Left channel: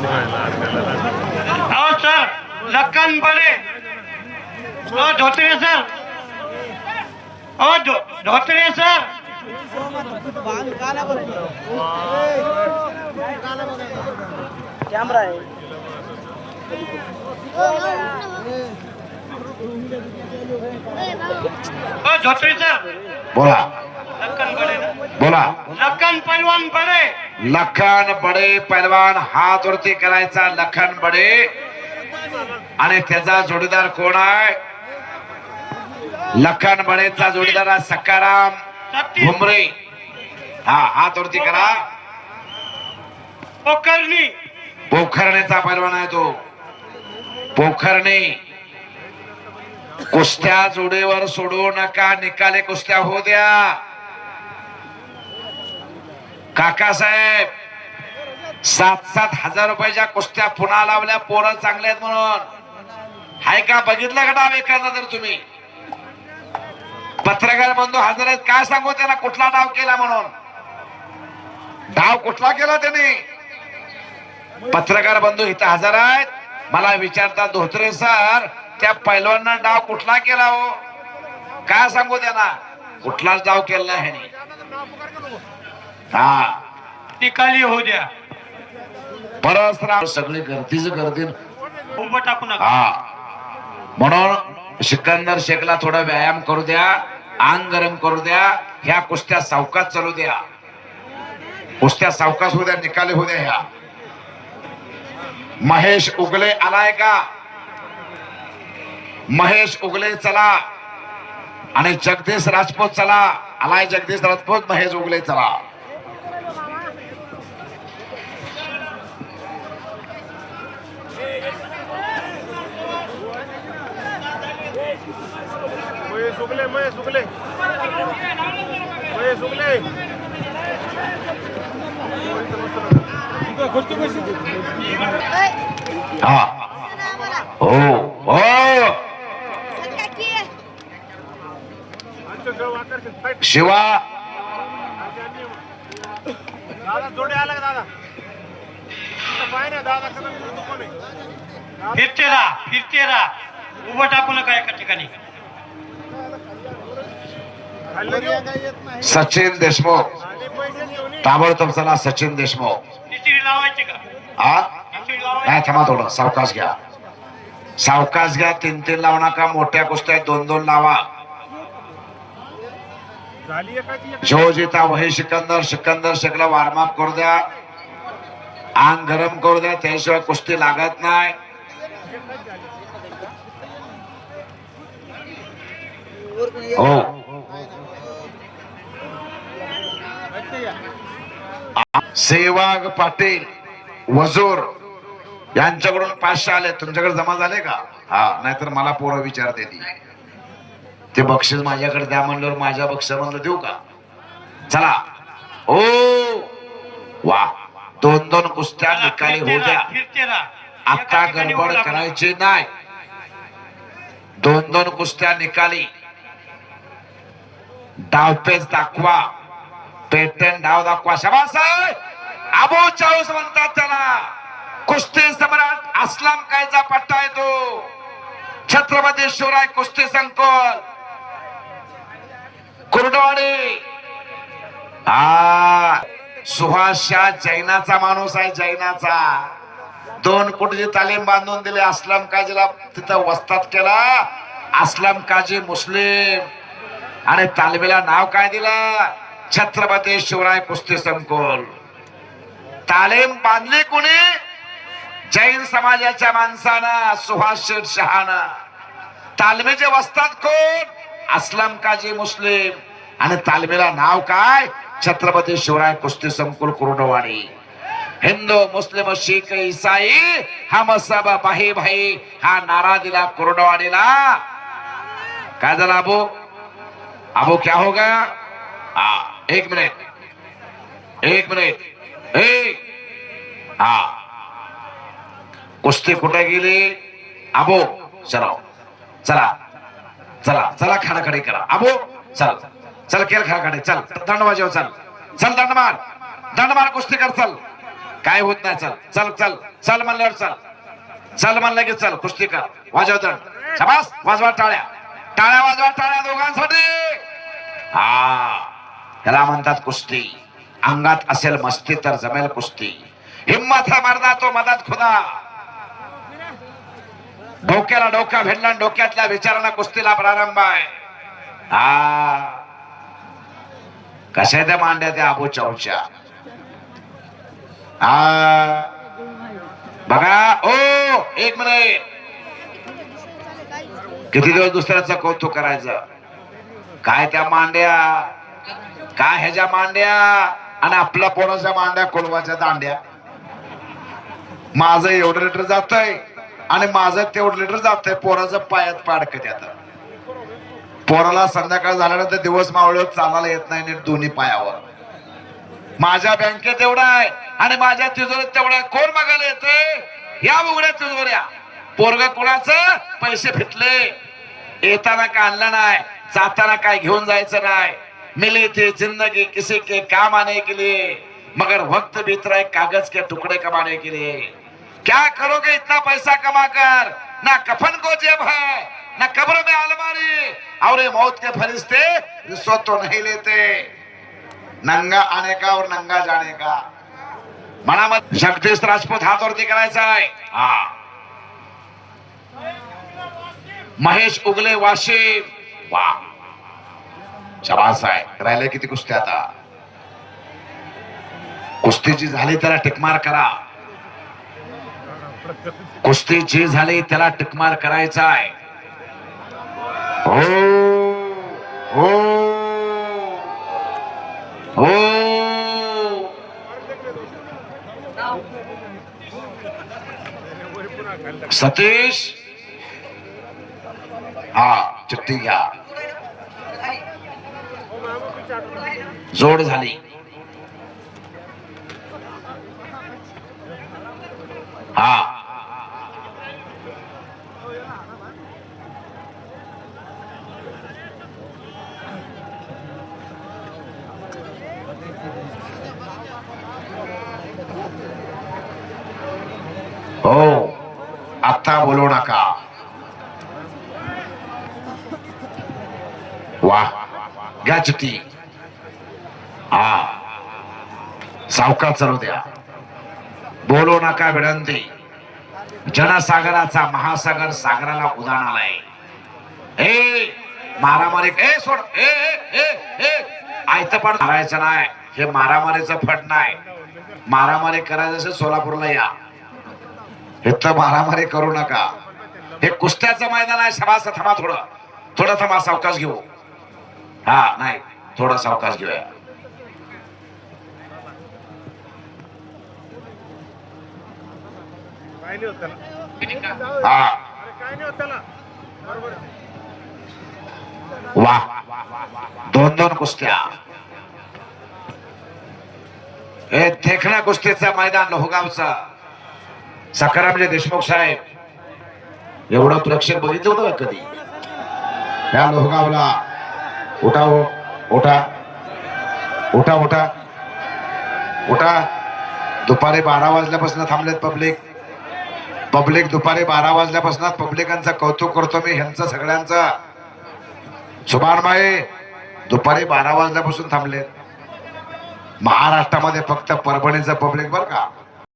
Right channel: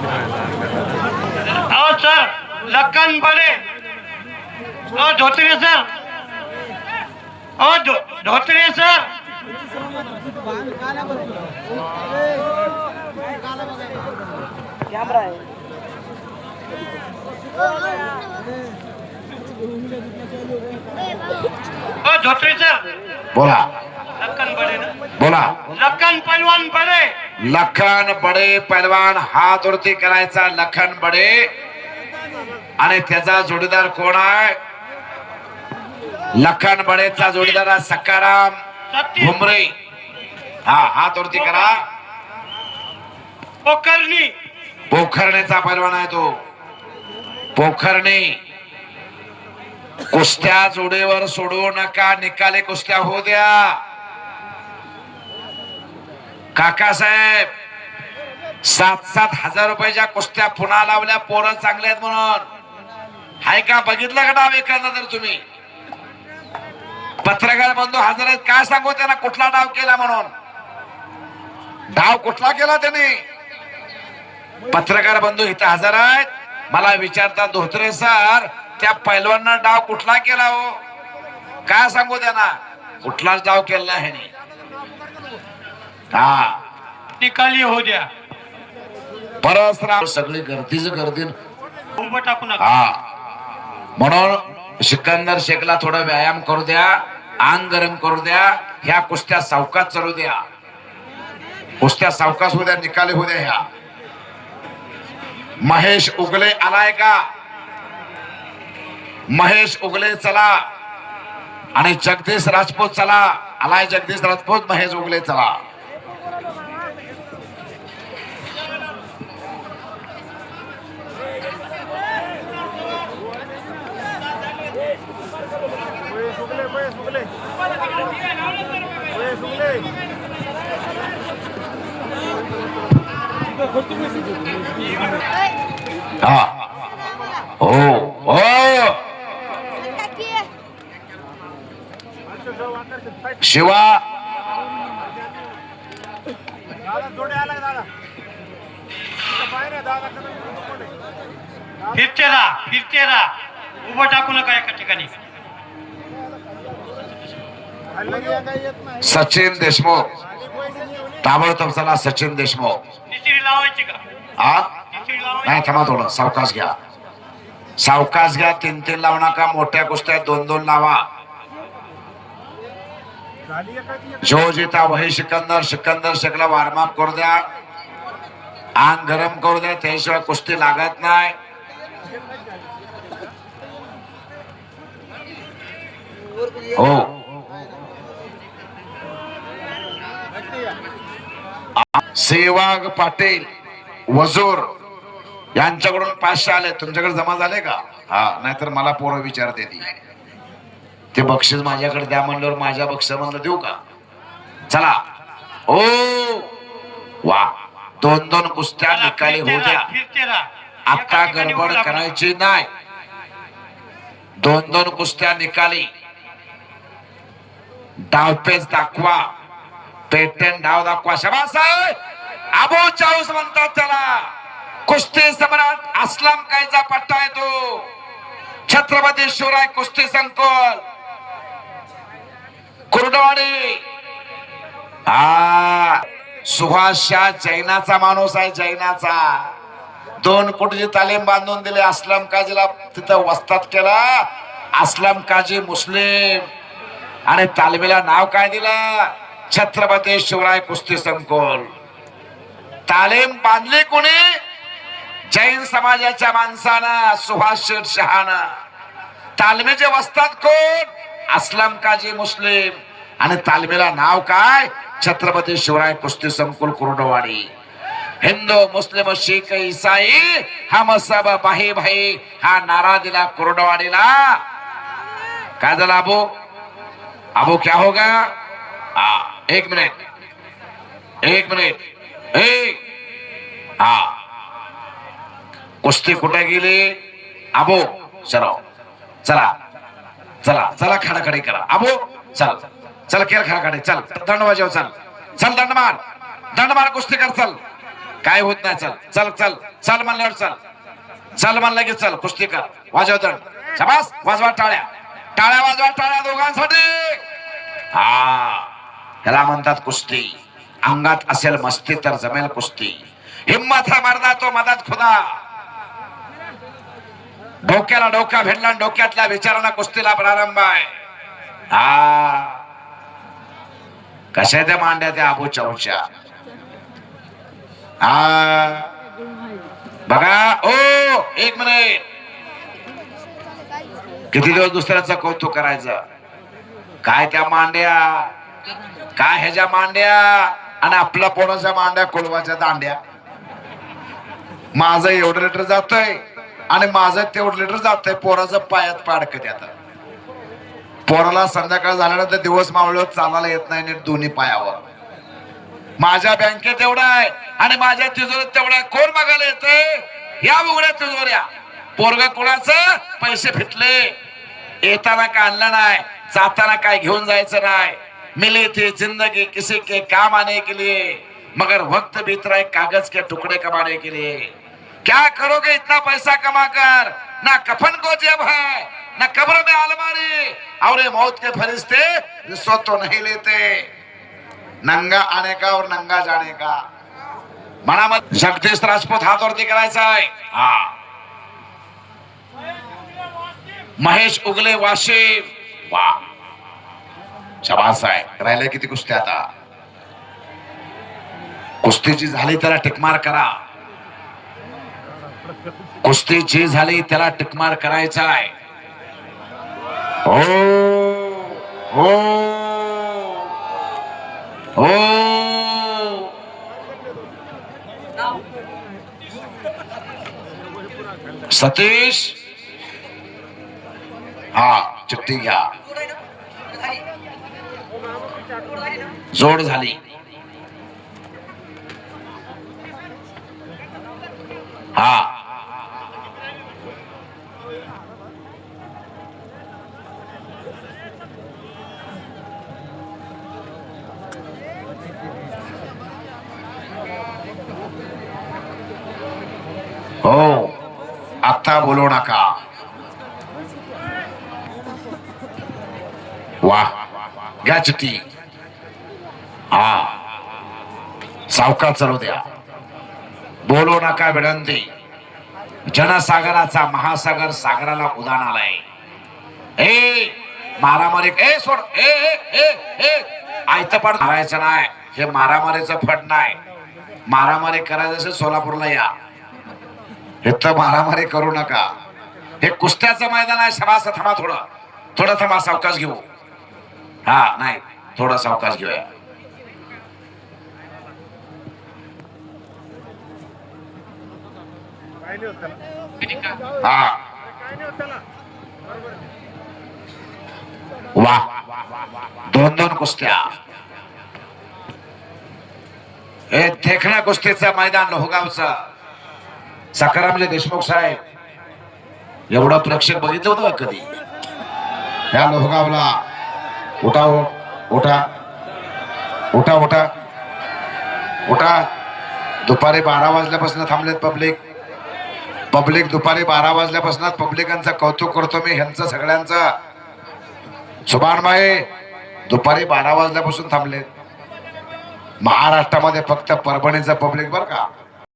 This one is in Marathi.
आओ सर लखन बड़े ओ धोत्रे सर ओ धोत्रे सर कैमरा है ओ धोत्रे सर बोला बोला लखन पहलवान बड़े लखन बडे पहलवान हात वरती करायचा लखन बडे आणि त्याचा जोडीदार कोण आहे लखन बडेचा जोडीदार सकाराम भुमरे हा हात वरती करा पोखरणी पोखरणेचा पहलवान आहे तो पोखरणे कुस्त्या जोडीवर सोडू नका निकाली कुस्त्या होऊ द्या काकासाहेब 7,000 रुपयाच्या कुस्त्या पुन्हा लावल्या पोरं चांगले आहेत म्हणून हाय का बघितलं का डाव एखादा तर तुम्ही पत्रकार बंधू हजर आहेत काय सांगू त्यांना कुठला डाव केला म्हणून डाव कुठला केला त्यांनी पत्रकार बंधू इथे हजर आहेत मला विचारतात धोत्रे सर त्या पैलवांना डाव कुठला केला हो काय सांगू त्यांना कुठलाच डाव केला आहे हा निकाली हो द्या परस्पर सगळे गर्दीच गर्दी उभं टाकू नका हा म्हणून सिकंदर शेखला थोडा व्यायाम करू द्या अंग गरम करू द्या ह्या कुस्त्या सावकाश चालू द्या कुस्त्या सावकाश होऊ द्या निकाली होऊ द्या ह्या महेश उगले आलाय का महेश उगले चला आणि जगदीश राजपूत चला आलाय जगदीश राजपूत महेश उगले चला हा हो हो शिवा फिरते राहा उभं टाकू नका एका ठिकाणी सचिन देशमुख ताबडतोब चला सचिन देशमुख निश्चित लावायची का हा निश्चित लावायची नाही थांबा थोडं सावकाश घ्या 3-3 लावू नका मोठ्या कुस्त्या 2-2 लावा जो जिता वही सिकंदर शेखला वार्मअप करू द्या अंग गरम करू द्या त्याशिवाय कुस्ती लागत नाही हो सेवाग पाटील वजूर यांच्याकडून 500 आले तुमच्याकडे जमा झाले का हा नाहीतर मला पोरं विचारते ती ते बक्षीस माझ्याकडे द्या म्हणल्यावर माझ्या बक्षिसाला देऊ का चला ओ वा 2-2 कुस्त्या निकाली होऊ द्या फिरते राहा आता गडबड करायची नाही 2-2 कुस्त्या निकाली डावपेच दाखवा पेटन डाव दाखवा शाबास अबो चाळीस म्हणतात त्याला कुस्ती सम्राट असलम कायचा पट्टा येतो छत्रपती शिवराय कुस्ती संकुल कुर्डवाडी सुहास शाह जैनाचा माणूस आहे जैनाचा 2 कोटीची तालीम बांधून दिली असलम काजीला तिथं वस्ताद केला असलम काजी मुस्लिम आणि तालमीला नाव काय दिलं छत्रपती शिवराय कुस्ती संकुल तालीम बांधली कोणी जैन समाजाच्या माणसानं सुहास शेठ शहानं तालमीचे वस्ताद कोण असलम काजी मुस्लिम आणि तालमीला नाव काय छत्रपती शिवराय कुस्ती संकुल कुर्डवाडी हिंदू मुस्लिम शीख ईसाई हम सब भाई भाई हा नारा दिला कुर्डवाडीला काय झालं अबो क्या होगा 1 मिनिट हा कुस्ती कुठे गेली अबो चला चला चला खाडाखाडी करा अबो चल खेळ खाडाखाडी चल दंड वाजव चल दंड मार कुस्ती कर चल काय होत नाही. चल चल चल चल म्हणल्यावर चल, चल म्हणलं की चल. कुस्ती कर, वाजव दंड, शाबास, वाजवा टाळ्या, टाळ्या वाजवा, टाळ्या दोघांसाठी. हा, त्याला म्हणतात कुस्ती. अंगात असेल मस्ती तर जमेल कुस्ती. हिम्मत है मर्दा तो मदत खुदा. डोक्याला डोका भिडला, डोक्यातल्या विचारांना कुस्तीला प्रारंभ आहे. हा, कशा त्या मांड्या त्या अबू चौच्या. हा बघा. ओ एक मिनिट, किती दिवस दुसऱ्याचं कौतुक करायचं. काय त्या मांड्या, काय ह्याच्या मांड्या, आणि आपल्या पोराच्या मांड्या, कुलवाच्या दांड्या. माझं एवढं लिटर जातंय आणि माझं तेवढं लिटर जातंय. पोराचं पायात पाडक त्यात. पोराला संध्याकाळ झाल्यानंतर दिवस मावळत चालायला येत नाही नीट दोन्ही पायावर. माझ्या बँकेत एवढा आहे आणि माझ्या तिजोरीत तेवढा. कोण बघायला येते या उघड्या तिजोऱ्या. पोरग कोणाचं, पैसे फिटले. येताना काय आणलं नाही, जाताना काय घेऊन जायचं नाही. मिली थी जिंदगी किसी के काम आने के लिए, मगर वक्त बीत रहा है कागज के टुकड़े कमाने के लिए. क्या करोगे इतना पैसा कमा कर, ना कफन को जेब है, ना कब्र में अलमारी, और ये मौत के फरिश्ते रिश्वत तो नहीं लेते. नंगा आने का और नंगा जाने का. मनामध्ये जगदीश राजपूत हात वरती करायचा आहे. हा, महेश उगले वाशिम. वा, शाबास आहे. राहिले किती कुस्त्या आता. कुस्तीची झाली त्याला टिकमार करा. कुस्तीची झाली त्याला टिकमार करायचा आहे. हो हो हो. सतीश, हा चिठ्ठी घ्या. जोड झाली. हा, हो, आता बोलू नका. वा, घ्या चिठ्ठी. हा, सावकाश चालू द्या. बोलू नका विनंती. जनसागराचा महासागर सागराला उधाण आलाय. ए मारामारी, ए सोड, ए ए ए ए आयत पण मारायचं नाही. हे मारामारीचं फट नाही. मारामारी करायचं असेल सोलापूरला या. इथं मारामारी करू नका. हे कुस्त्याचं मैदान आहे. शाबास, थांबा थोडं, थोडं थांबा, सावकाश घेऊ. हा, नाही, थोडा सावकाश घेऊया. हा, वा, दोन दोन कुस्त्या. हे देखण्या कुस्तीचं मैदान लोहगावचं. सकारामचे देशमुख साहेब एवढं प्रेक्षक बघितलं होतं कधी या लोहगावला. उठा उठा उठा उठा उठा. दुपारी 12 वाजल्यापासून थांबलेत पब्लिक दुपारी 12 वाजल्यापासून पब्लिकांचं कौतुक करतो मी ह्यांचं सगळ्यांचं. सुभानभाई दुपारी 12 वाजल्यापासून थांबलेत. महाराष्ट्रामध्ये फक्त परभणीचं पब्लिक बरं का.